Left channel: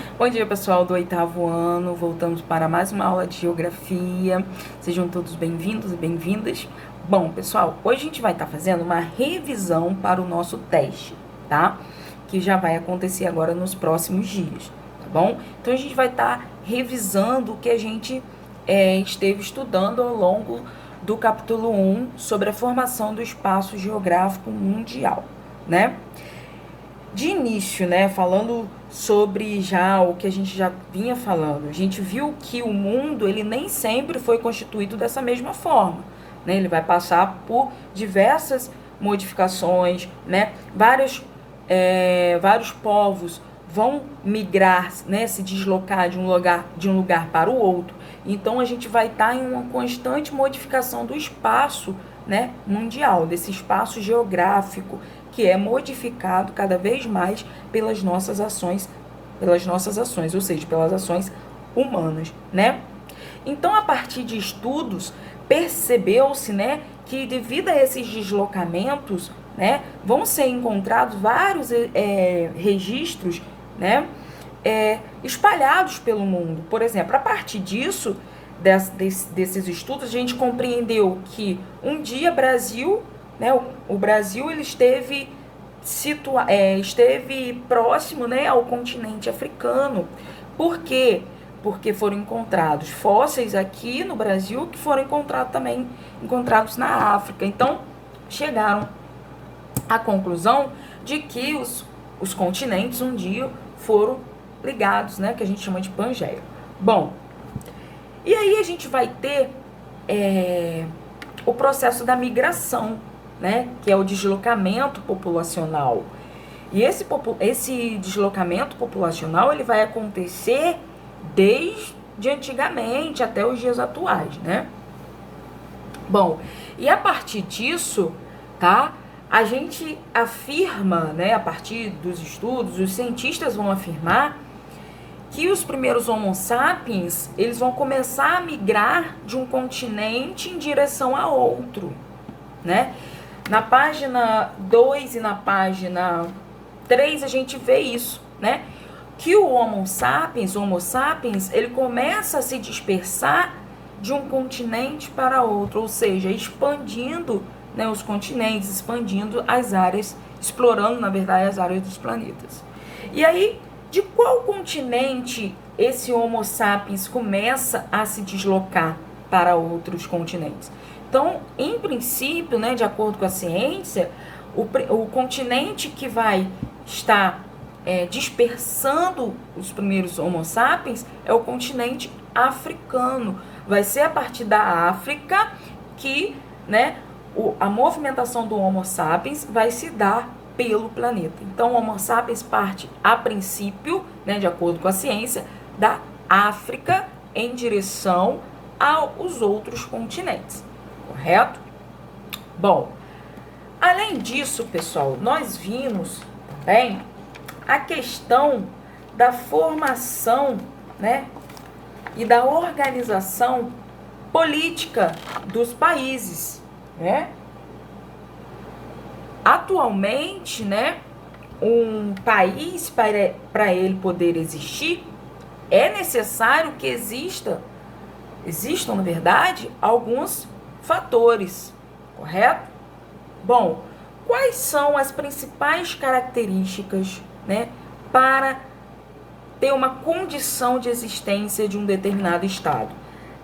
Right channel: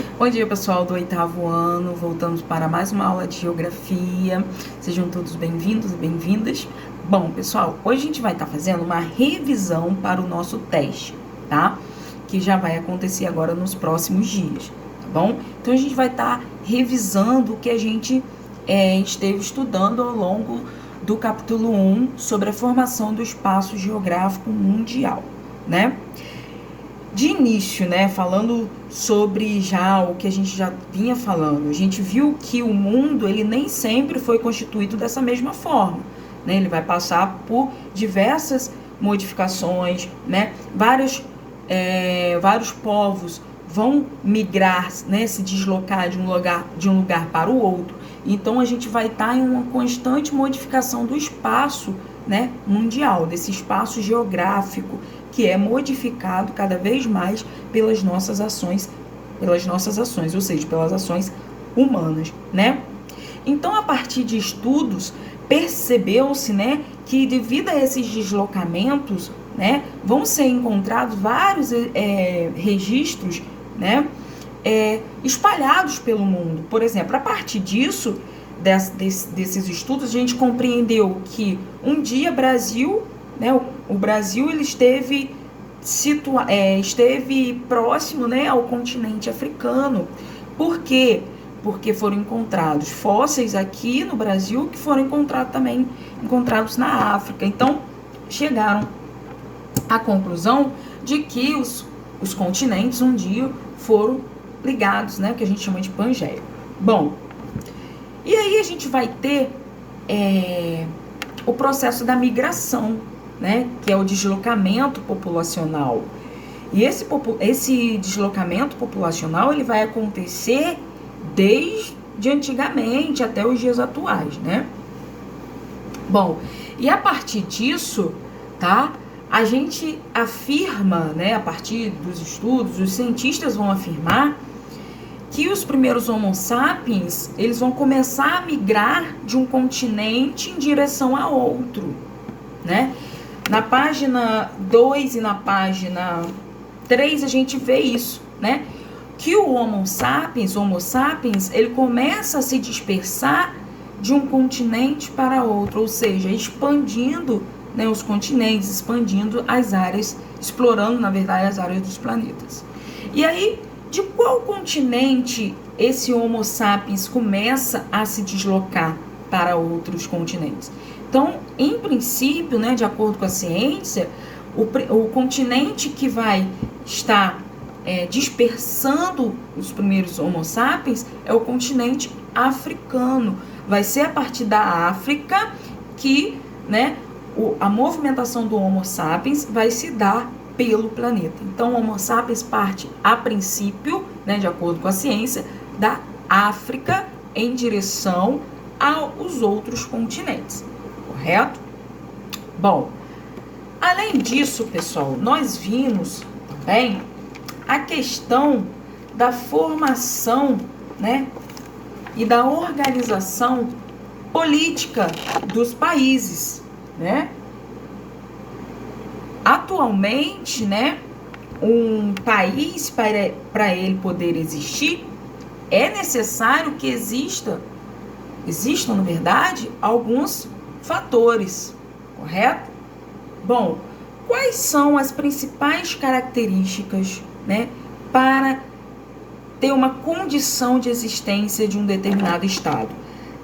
Bom dia, pessoal do 8º ano. Voltamos para mais uma aula de geografia. Sejam todos bem-vindos e bem-vindas. Bom, pessoal, hoje a gente vai estar fazendo uma revisão para o nosso teste, tá? Que já vai acontecer agora nos próximos dias, tá bom? Então, a gente vai estar revisando o que a gente esteve estudando ao longo do capítulo 1 sobre a formação do espaço geográfico mundial, né? De início, né, falando sobre já o que a gente já vinha falando, a gente viu que o mundo, ele nem sempre foi constituído dessa mesma forma, né? Ele vai passar por diversas modificações, né? Vários povos vão migrar, né, se deslocar de um lugar para o outro. Então, a gente vai estar em uma constante modificação do espaço, né, mundial, desse espaço geográfico, que é modificado cada vez mais pelas nossas ações, ou seja, pelas ações humanas, né? Então, a partir de estudos, percebeu-se, né, que devido a esses deslocamentos, né, vão ser encontrados vários registros, né, espalhados pelo mundo. Por exemplo, a partir disso, desses estudos, a gente compreendeu que um dia Brasil, né, o Brasil ele esteve próximo, né, ao continente africano. Por quê? Porque foram encontrados fósseis aqui no Brasil que foram encontrados na África. Então, chegaram à conclusão de que os continentes um dia foram ligados, né, que a gente chama de Pangeia. Bom, e aí a gente vai ter o processo da migração, né, que é o deslocamento populacional. E esse deslocamento populacional ele vai acontecer desde antigamente até os dias atuais, né? Bom, e a partir disso, tá? A gente afirma, né, a partir dos estudos, os cientistas vão afirmar que os primeiros Homo sapiens, eles vão começar a migrar de um continente em direção a outro, né? Na página 2 e na página 3 a gente vê isso, né? Que o Homo sapiens, ele começa a se dispersar de um continente para outro, ou seja, expandindo, né, os continentes, expandindo as áreas, explorando, na verdade, as áreas dos planetas. E aí, de qual continente esse Homo sapiens começa a se deslocar para outros continentes? Então, em princípio, né, de acordo com a ciência, o continente que vai estar dispersando os primeiros Homo sapiens é o continente africano. Vai ser a partir da África que, né, a movimentação do Homo sapiens vai se dar pelo planeta. Então, o Homo sapiens parte, a princípio, né, de acordo com a ciência, da África em direção aos outros continentes. Correto? Bom, além disso, pessoal, nós vimos também a questão da formação, né, e da organização política dos países, né? Atualmente, né, um país, para ele poder existir, é necessário que existam, na verdade, alguns fatores, correto? Bom, quais são as principais características, né, para ter uma condição de existência de um determinado estado?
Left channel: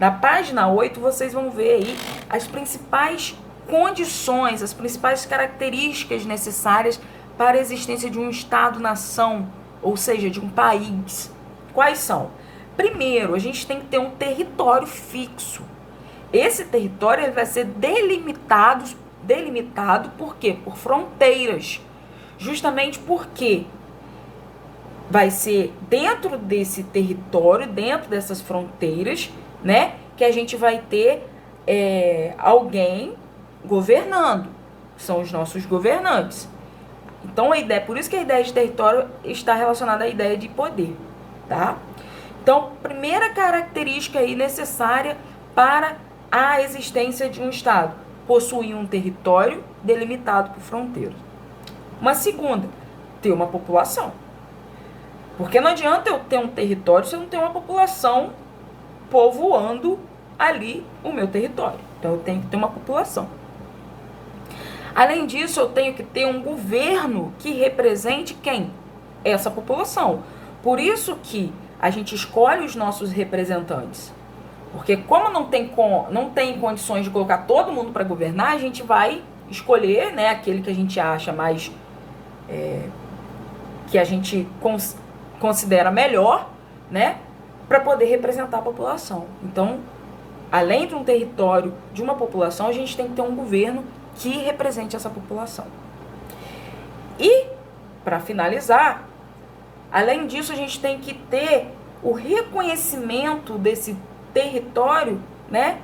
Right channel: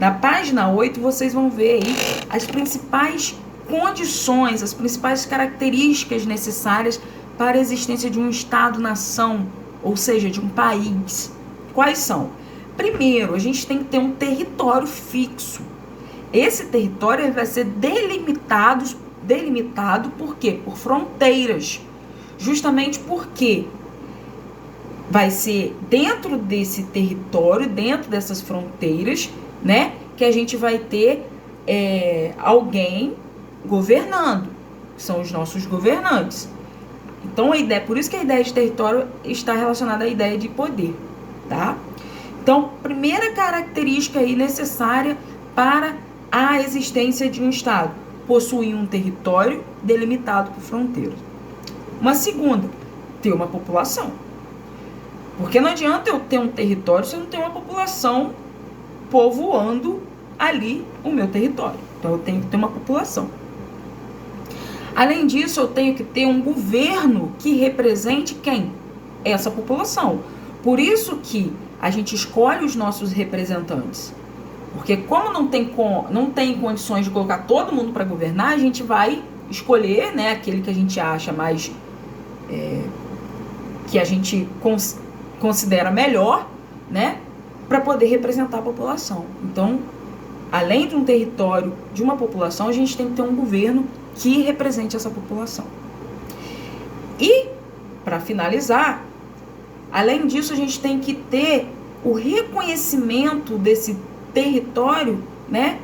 Na página 8, vocês vão ver aí as principais condições, as principais características necessárias para a existência de um estado-nação, ou seja, de um país. Quais são? Primeiro, a gente tem que ter um território fixo. Esse território ele vai ser delimitado por quê? Por fronteiras. Justamente porque vai ser dentro desse território, dentro dessas fronteiras, né, que a gente vai ter alguém governando, que são os nossos governantes. Então, por isso que a ideia de território está relacionada à ideia de poder, tá? Então, primeira característica aí necessária para a existência de um estado: possuir um território delimitado por fronteiras. Uma segunda, ter uma população. Porque não adianta eu ter um território se eu não tenho uma população povoando ali o meu território. Então eu tenho que ter uma população. Além disso, eu tenho que ter um governo que represente quem? Essa população. Por isso que a gente escolhe os nossos representantes. Porque como não tem condições de colocar todo mundo para governar, a gente vai escolher, né, aquele que a gente acha mais... que a gente considera melhor, né, para poder representar a população. Então, além de um território, de uma população, a gente tem que ter um governo que represente essa população. E, para finalizar, além disso, a gente tem que ter o reconhecimento desse território, né,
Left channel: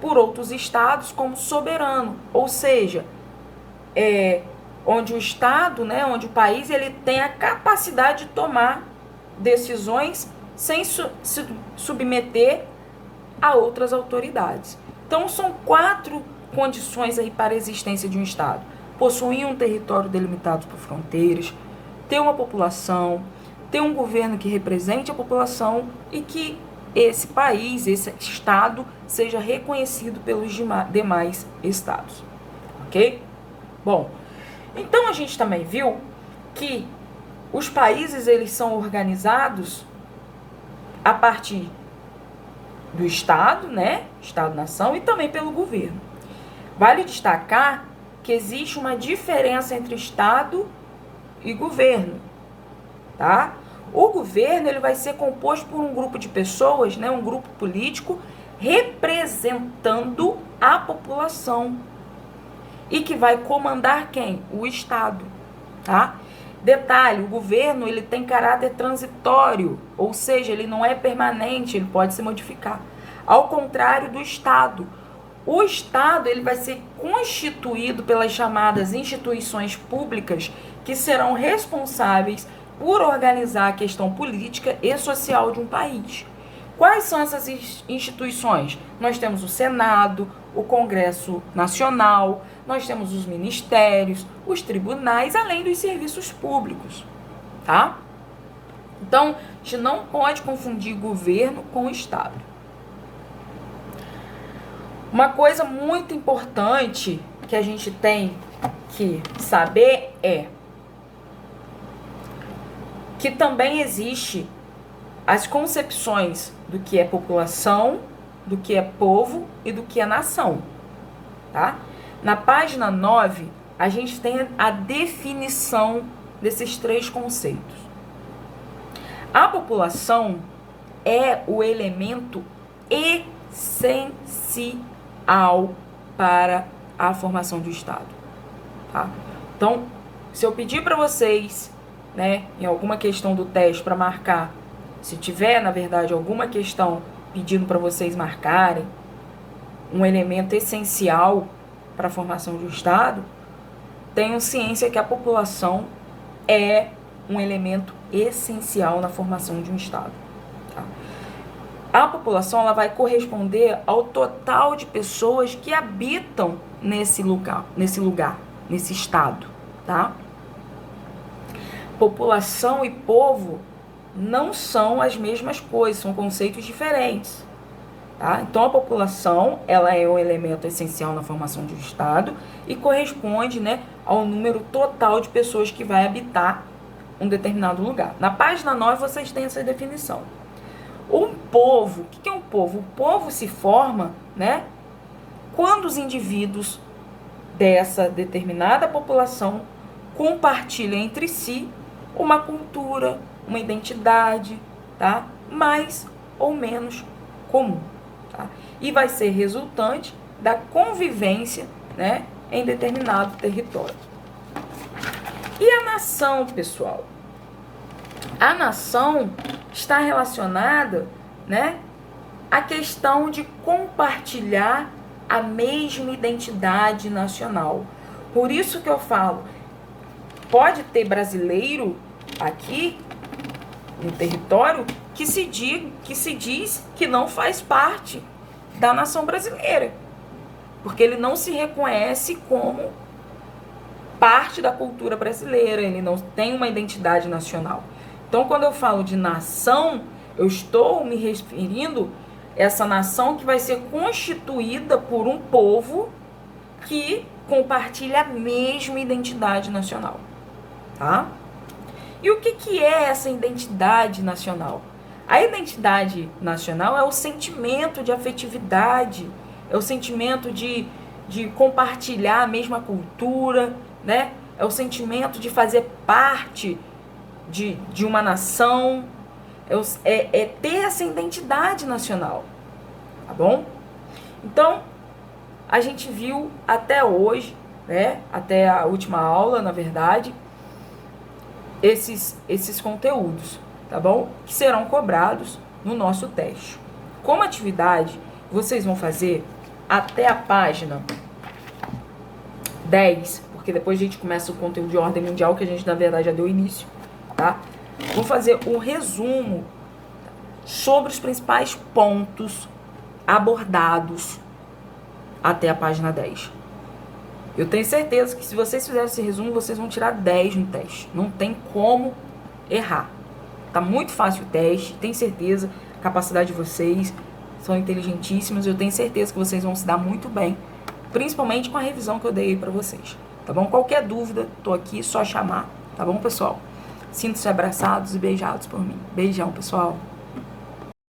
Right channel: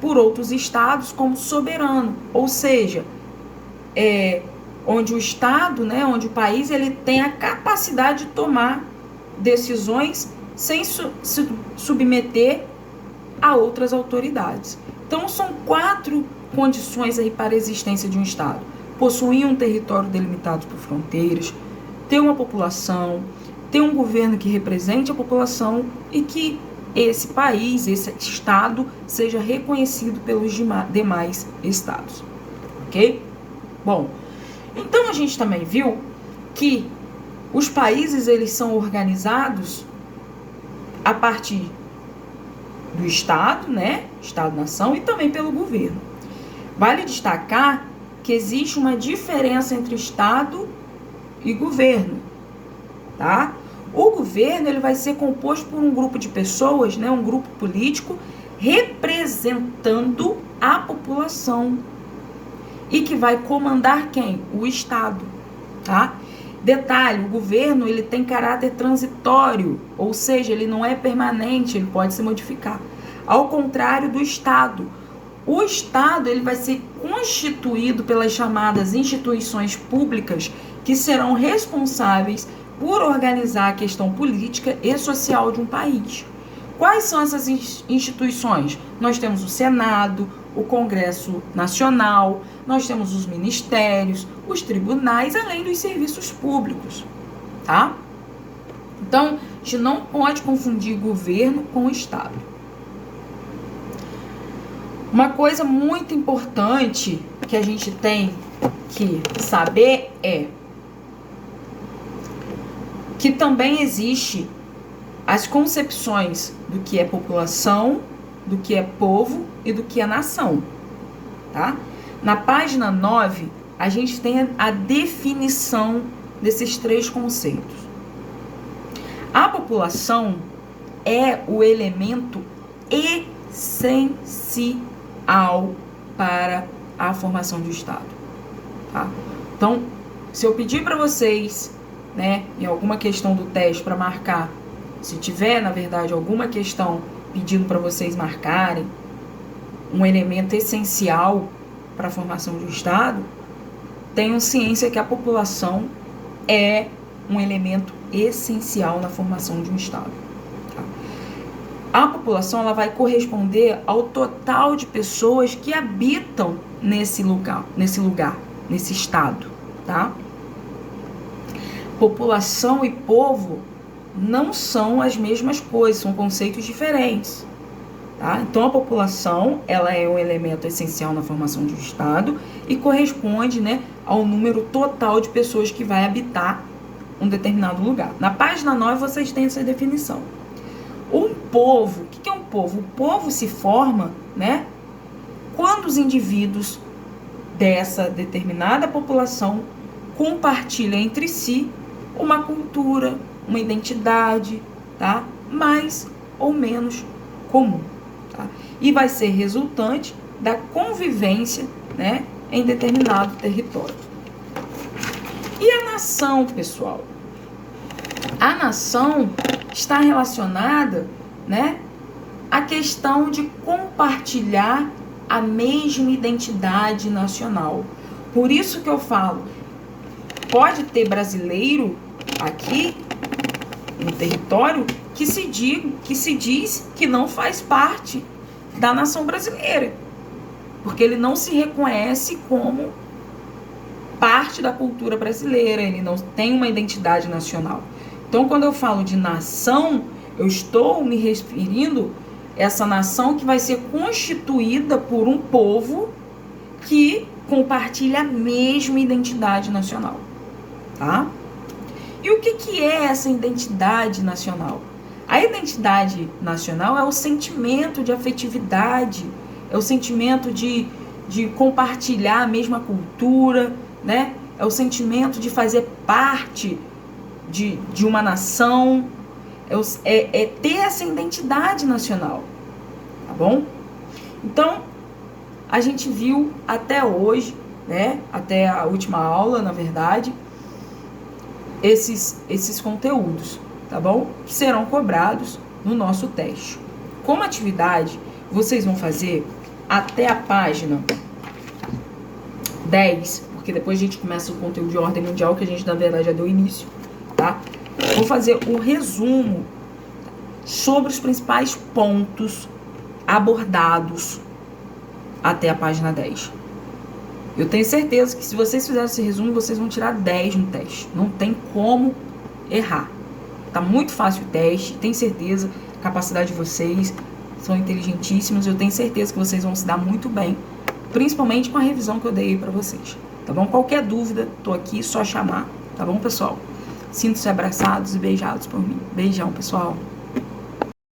por outros estados como soberano, ou seja, onde o estado, né, onde o país, ele tem a capacidade de tomar decisões sem se submeter a outras autoridades. Então, são 4 condições aí para a existência de um estado: possuir um território delimitado por fronteiras, ter uma população, ter um governo que represente a população e que esse país, esse estado, seja reconhecido pelos demais estados, ok? Bom, então a gente também viu que os países, eles são organizados a partir do estado, né? Estado-nação, e também pelo governo. Vale destacar que existe uma diferença entre estado e governo, tá? O governo, ele vai ser composto por um grupo de pessoas, né? Um grupo político representando a população e que vai comandar quem? O estado, tá? Detalhe, o governo, ele tem caráter transitório, ou seja, ele não é permanente, ele pode se modificar. Ao contrário do estado. O estado, ele vai ser constituído pelas chamadas instituições públicas que serão responsáveis por organizar a questão política e social de um país. Quais são essas instituições? Nós temos o Senado, o Congresso Nacional, nós temos os ministérios, os tribunais, além dos serviços públicos, tá? Então, a gente não pode confundir governo com estado. Uma coisa muito importante que a gente tem que saber é que também existe as concepções do que é população, do que é povo e do que é nação, tá? Na página 9, a gente tem a definição desses 3 conceitos. A população é o elemento essencial para a formação do Estado, tá? Então, se eu pedir para vocês, né, em alguma questão do teste para marcar, se tiver, na verdade, alguma questão pedindo para vocês marcarem um elemento essencial para a formação de um Estado, tenham ciência que a população é um elemento essencial na formação de um Estado, tá? A população, ela vai corresponder ao total de pessoas que habitam nesse lugar, nesse estado, tá? População e povo não são as mesmas coisas, são conceitos diferentes, tá? Então, a população, ela é um elemento essencial na formação de um estado e corresponde, né, ao número total de pessoas que vai habitar um determinado lugar. Na página 9, vocês têm essa definição. Um povo, o que é um povo? O povo se forma, né, quando os indivíduos dessa determinada população compartilham entre si uma cultura, uma identidade, tá? Mais ou menos comum, tá? E vai ser resultante da convivência, né, em determinado território. E a nação, pessoal? A nação está relacionada, né, à questão de compartilhar a mesma identidade nacional. Por isso que eu falo, pode ter brasileiro aqui no território que se diz que não faz parte da nação brasileira, porque ele não se reconhece como parte da cultura brasileira, ele não tem uma identidade nacional. Então, quando eu falo de nação, eu estou me referindo a essa nação que vai ser constituída por um povo que compartilha a mesma identidade nacional, tá? E o que é essa identidade nacional? A identidade nacional é o sentimento de afetividade, é o sentimento de compartilhar a mesma cultura, né? É o sentimento de fazer parte de uma nação, é ter essa identidade nacional, tá bom? Então, a gente viu até hoje, né? Até a última aula, na verdade, esses conteúdos, tá bom? Que serão cobrados no nosso teste. Como atividade, vocês vão fazer até a página 10, porque depois a gente começa o conteúdo de ordem mundial, que a gente, na verdade, já deu início, tá? Vou fazer o resumo sobre os principais pontos abordados até a página 10. Eu tenho certeza que se vocês fizerem esse resumo, vocês vão tirar 10 no teste. Não tem como errar. Tá muito fácil o teste, tenho certeza. A capacidade de vocês são inteligentíssimas. Eu tenho certeza que vocês vão se dar muito bem, principalmente com a revisão que eu dei para vocês. Tá bom? Qualquer dúvida, tô aqui, só chamar. Tá bom, pessoal? Sintam-se abraçados e beijados por mim. Beijão, pessoal.